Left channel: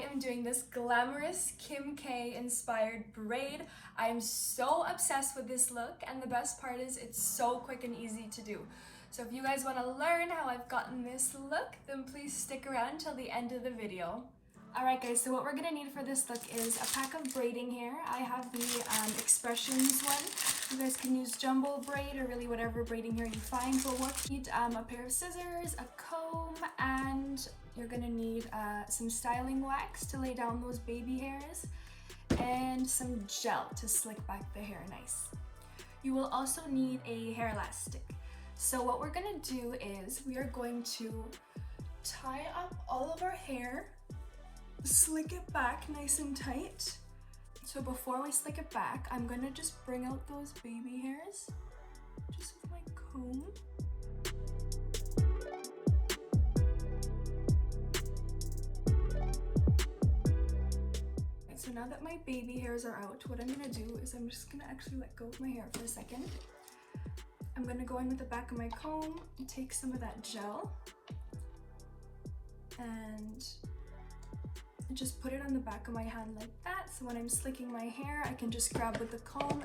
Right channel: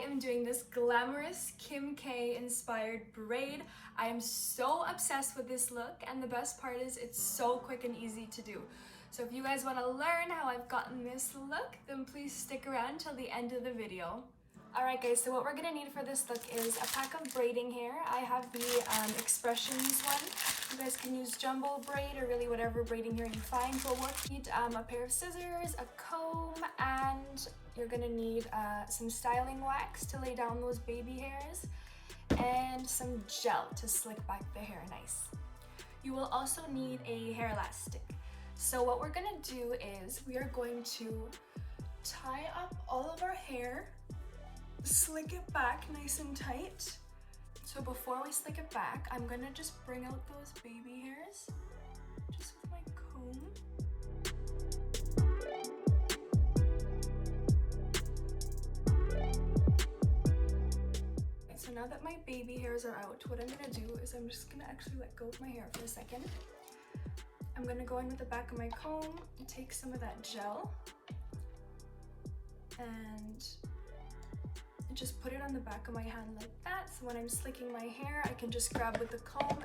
am doing this glamorous Kim K inspired braid. I am so obsessed with this look, and the best part is it's so quick and easy to do. So if you guys want to learn how I've gotten this look, then please stick around till the end of the video. Alright guys, so what we're gonna need for this look is a pack of braiding hair. I have the Expressions one. You guys can use jumbo braid or really whatever braiding hair you find. But we'll need a pair of scissors, a comb, and you're gonna need some styling wax to lay down those baby hairs, and some gel to slick back the hair nice. You will also need a hair elastic. So what we're gonna do is we are going to tie up all of our hair, slick it back nice and tight. So before we slick it back, I'm gonna just bring out those baby hairs just with my comb. So now that my baby hairs are out, what I'm gonna do is I'm just gonna actually let go of my hair for a second. I'm gonna go in with the back of my comb and take some of that gel and just put it on the back of my hand like that. So when I'm slicking my hair, I can just grab with the comb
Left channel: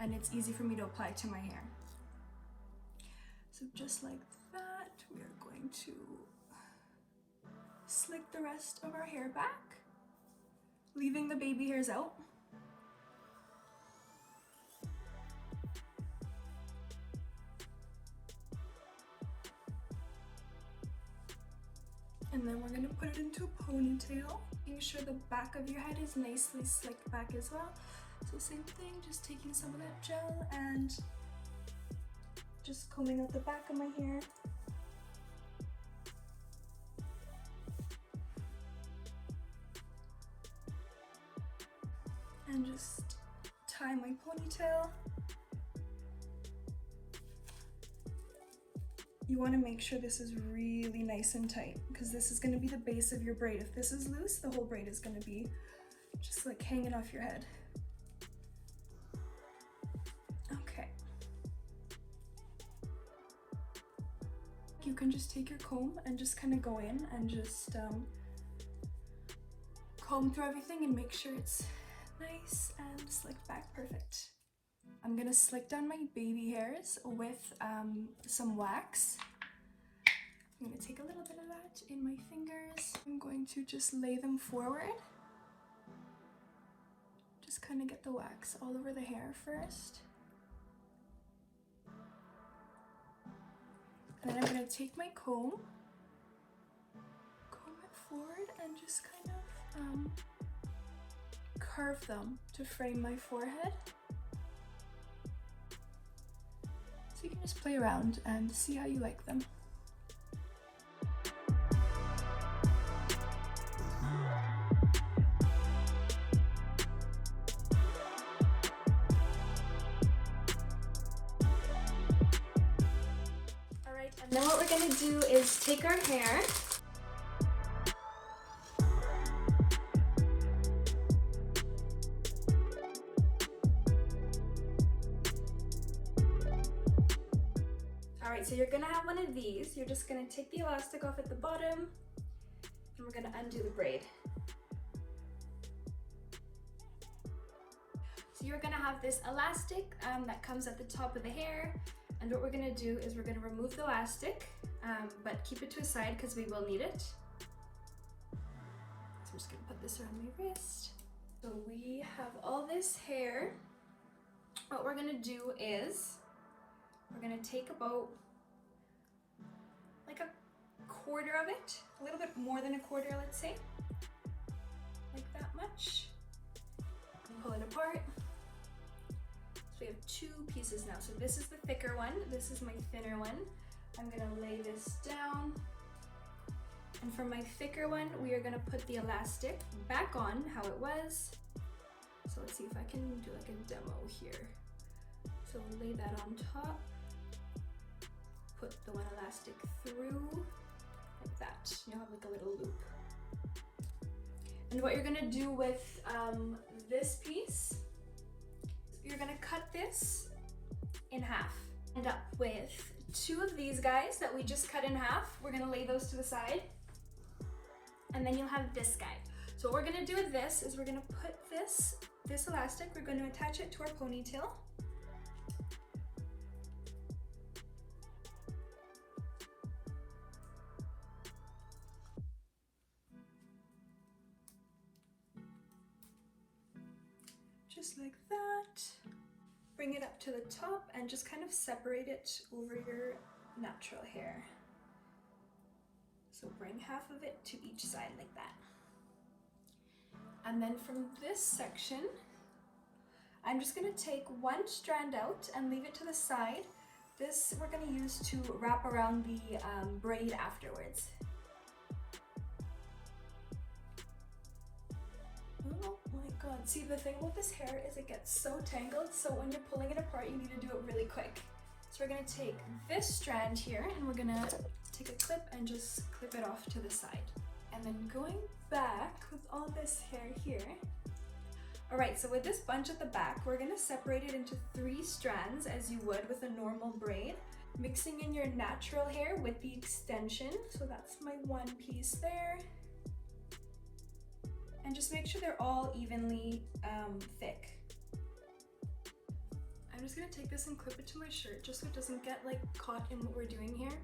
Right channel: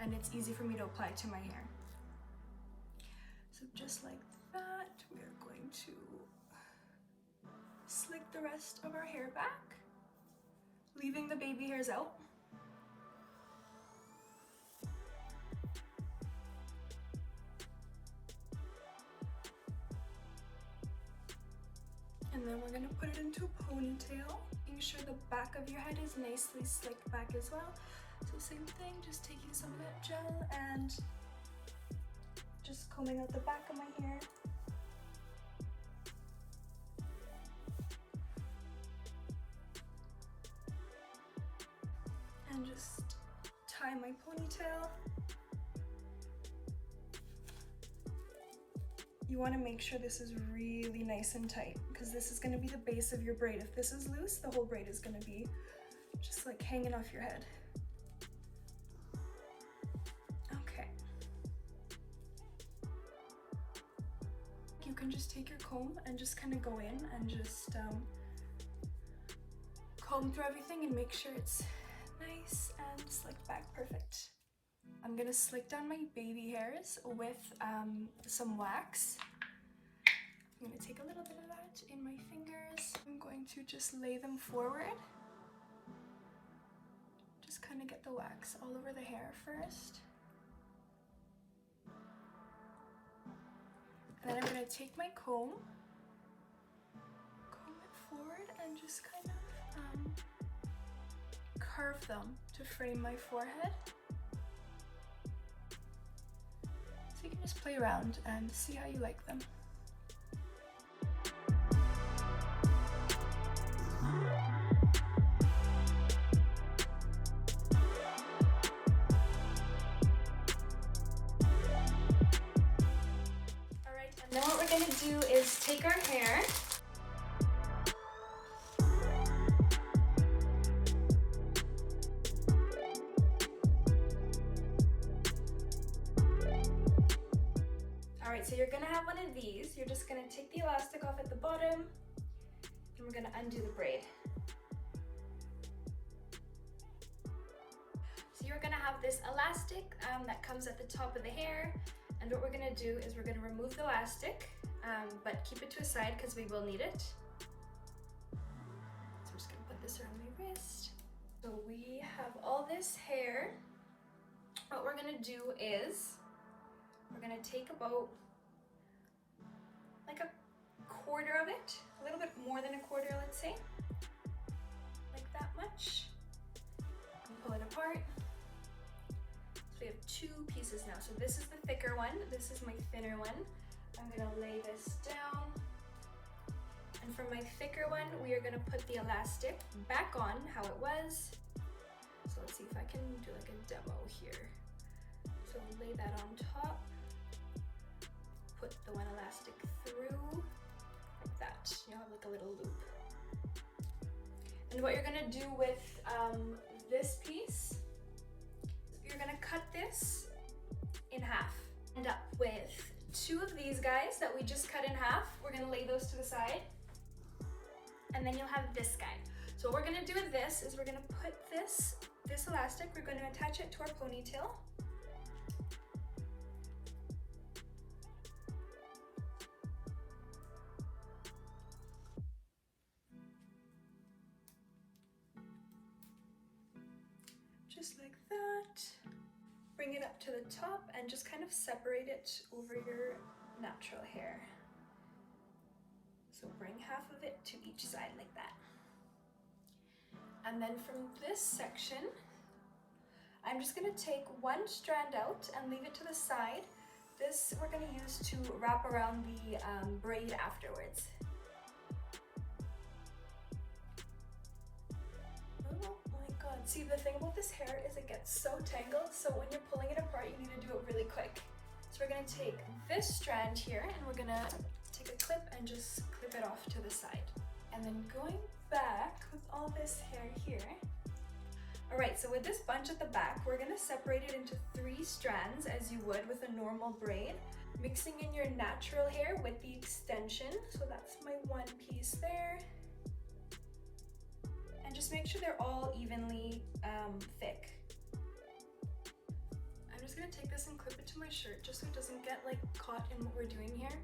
and it's easy for me to apply to my hair. So just like that, we are going to slick the rest of our hair back, leaving the baby hairs out. And then we're gonna put it into a ponytail, making sure the back of your head is nicely slicked back as well. So same thing, just taking some of that gel and just combing out the back of my hair. And just tie my ponytail. You want to make sure this is really nice and tight because this is going to be the base of your braid. If this is loose, the whole braid is going to be just like hanging off your head. Okay. You can just take your comb and just kind of go in and just comb through everything and make sure it's nice and slicked back perfect. I'm gonna slick down my baby hairs with some wax. I'm gonna take a little bit of that in my fingers. I'm going to just lay them forward. Just kind of get the wax all over the hair first. And then I'm gonna take my comb it forward and just kind of curve them to frame my forehead. You can just play around and see how you like them. Alright, and now what we're gonna do is take our hair . So you're gonna have one of these. You're just gonna take the elastic off at the bottom and we're gonna undo the braid. So you're gonna have this elastic that comes at the top of the hair, and what we're gonna do is we're gonna remove the elastic, but keep it to a side because we will need it. So I'm just gonna put this around my wrist. So we have all this hair. What we're gonna do is we're gonna take about like a quarter of it, a little bit more than a quarter, let's say, like that much. Pull it apart. So we have two pieces now. So this is the thicker one, this is my thinner one. I'm gonna lay this down. And from my thicker one, we are gonna put the elastic back on how it was. So let's see if I can do like a demo here. So lay that on top. Put the one elastic through like that. You'll have like a little loop. And what you're gonna do with this piece, you're gonna cut this in half. End up with two of these guys that we just cut in half. We're gonna lay those to the side. And then you'll have this guy. So what we're gonna do with this is we're gonna put this elastic, we're gonna attach it to our ponytail. Just like that. Bring it up to the top and just kind of separate it over your natural hair. So bring half of it to each side like that. And then from this section, I'm just gonna take one strand out and leave it to the side. This we're gonna use to wrap around the braid afterwards. Oh my God, see the thing with this hair is it gets so tangled, so when you're pulling it apart, you need to do it really quick. So we're gonna take this strand here and we're gonna take a clip and just clip it off to the side. And then going back with all this hair here. All right, so with this bunch at the back, we're gonna separate it into 3 strands as you would with a normal braid, mixing in your natural hair with the extension. So that's my one piece there. And just make sure they're all evenly thick. I'm just gonna take this and clip it to my shirt just so it doesn't get like caught in what we're doing here.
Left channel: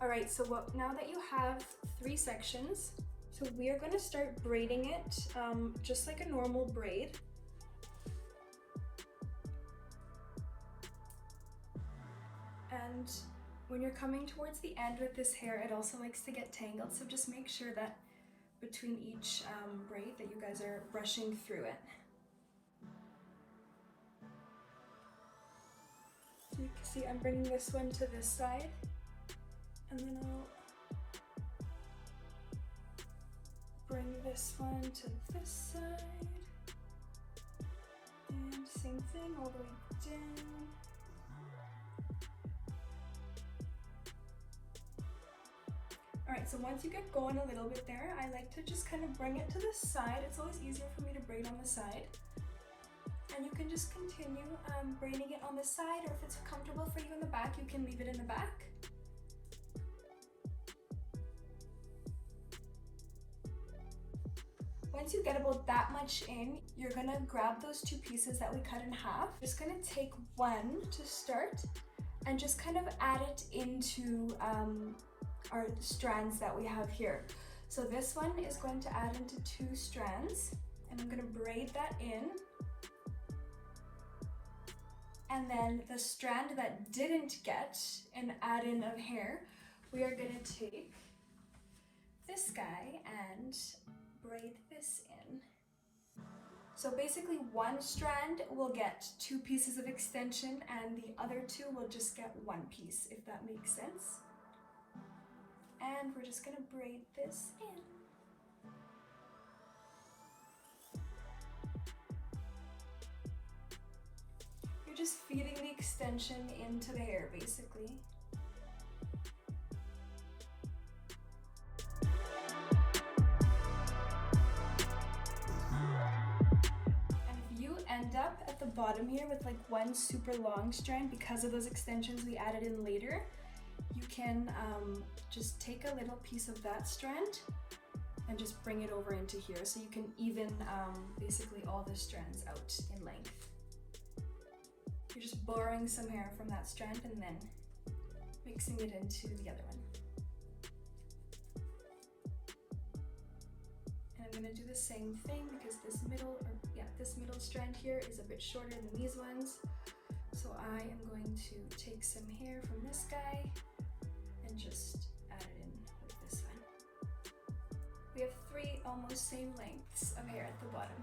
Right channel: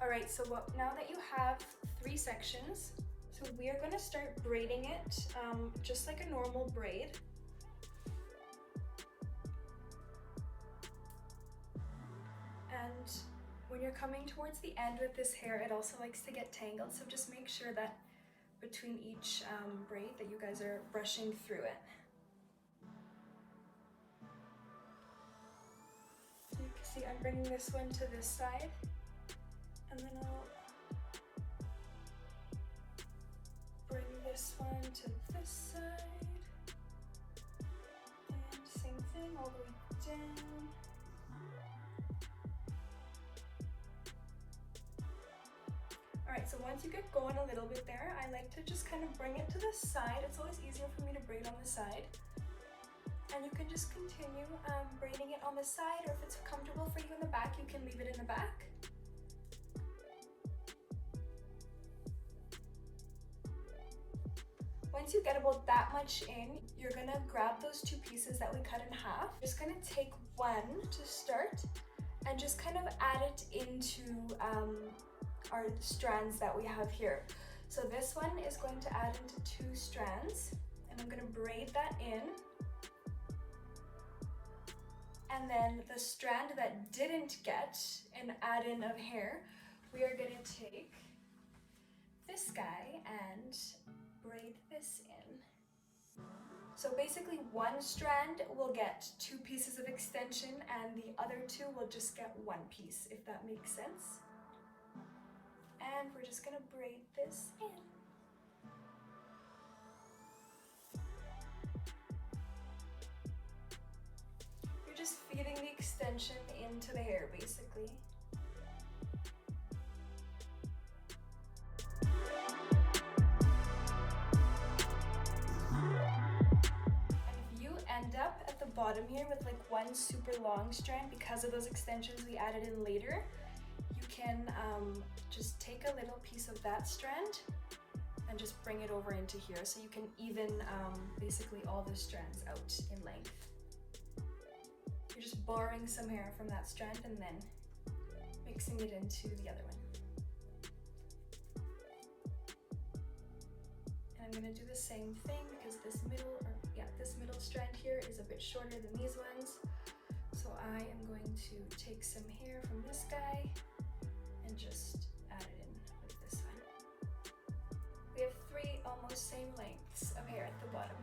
All right, so now that you have 3 sections, so we are gonna start braiding it just like a normal braid. And when you're coming towards the end with this hair, it also likes to get tangled, so just make sure that between each braid that you guys are brushing through it. So you can see I'm bringing this one to this side, and then I'll bring this one to this side, and same thing all the way down. Alright, so once you get going a little bit there, I like to just kind of bring it to the side. It's always easier for me to braid on the side. And you can just continue braiding it on the side, or if it's comfortable for you in the back, you can leave it in the back. Once you get about that much in, you're gonna grab those 2 pieces that we cut in half. Just gonna take one to start and just kind of add it into our strands that we have here. So this one is going to add into 2 strands, and I'm gonna braid that in. And then the strand that didn't get an add-in of hair, we are gonna take this guy and braid this in. So basically one strand will get 2 pieces of extension and the other 2 will just get 1 piece, if that makes sense. And we're just gonna braid this in. You're just feeding the extension into the hair, basically. End up at the bottom here with like one super long strand because of those extensions we added in later. You can just take a little piece of that strand and just bring it over into here, so you can even basically all the strands out in length. You're just borrowing some hair from that strand and then mixing it into the other one. And I'm going to do the same thing because this middle strand here is a bit shorter than these ones. So I am going to take some hair from this guy and just add it in with this one. We have 3 almost same lengths of hair at the bottom.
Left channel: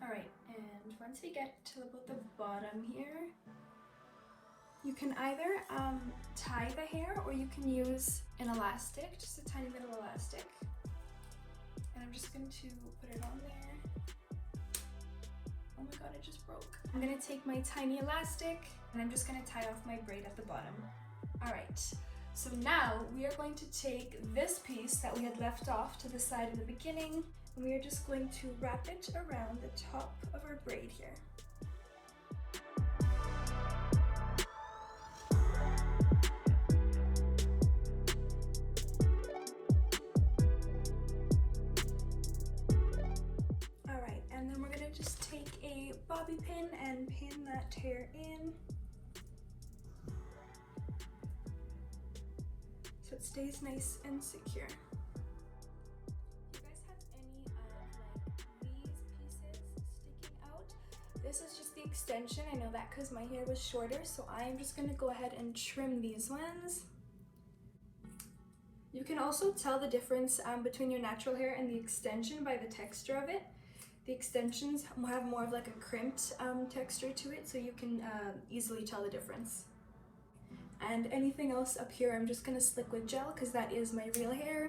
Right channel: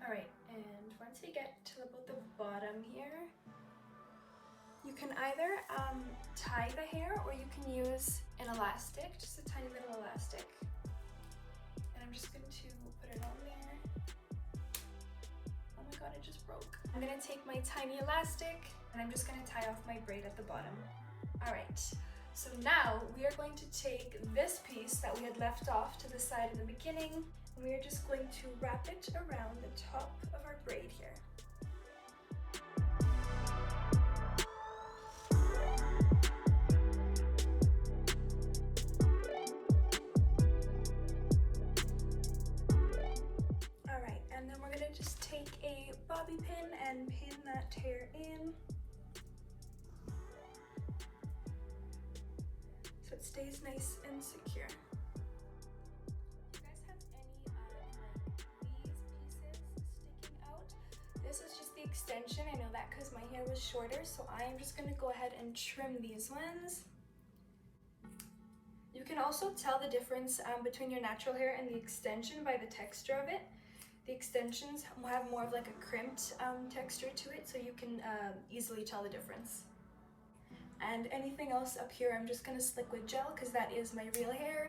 Alright, and once we get to about the bottom here, you can either tie the hair or you can use an elastic, just a tiny bit of elastic. And I'm just going to put it on there. Oh my god, it just broke. I'm going to take my tiny elastic and I'm just going to tie off my braid at the bottom. Alright, so now we are going to take this piece that we had left off to the side in the beginning, and we are just going to wrap it around the top of our braid here. that hair in so it stays nice and secure. Do you guys have any like these pieces sticking out? This is just the extension. I know that because my hair was shorter, so I'm just gonna go ahead and trim these ones. You can also tell the difference between your natural hair and the extension by the texture of it. The extensions have more of like a crimped texture to it, so you can easily tell the difference. And anything else up here, I'm just gonna slick with gel because that is my real hair.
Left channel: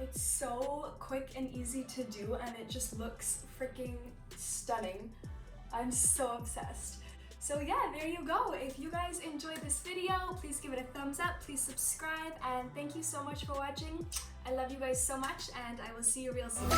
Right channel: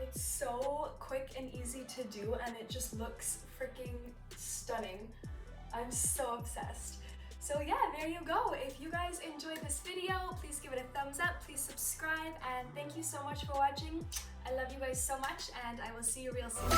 It's so quick and easy to do, and it just looks freaking stunning. I'm so obsessed. So yeah, there you go. If you guys enjoyed this video, please give it a thumbs up, please subscribe, and thank you so much for watching. I love you guys so much, and I will see you real soon.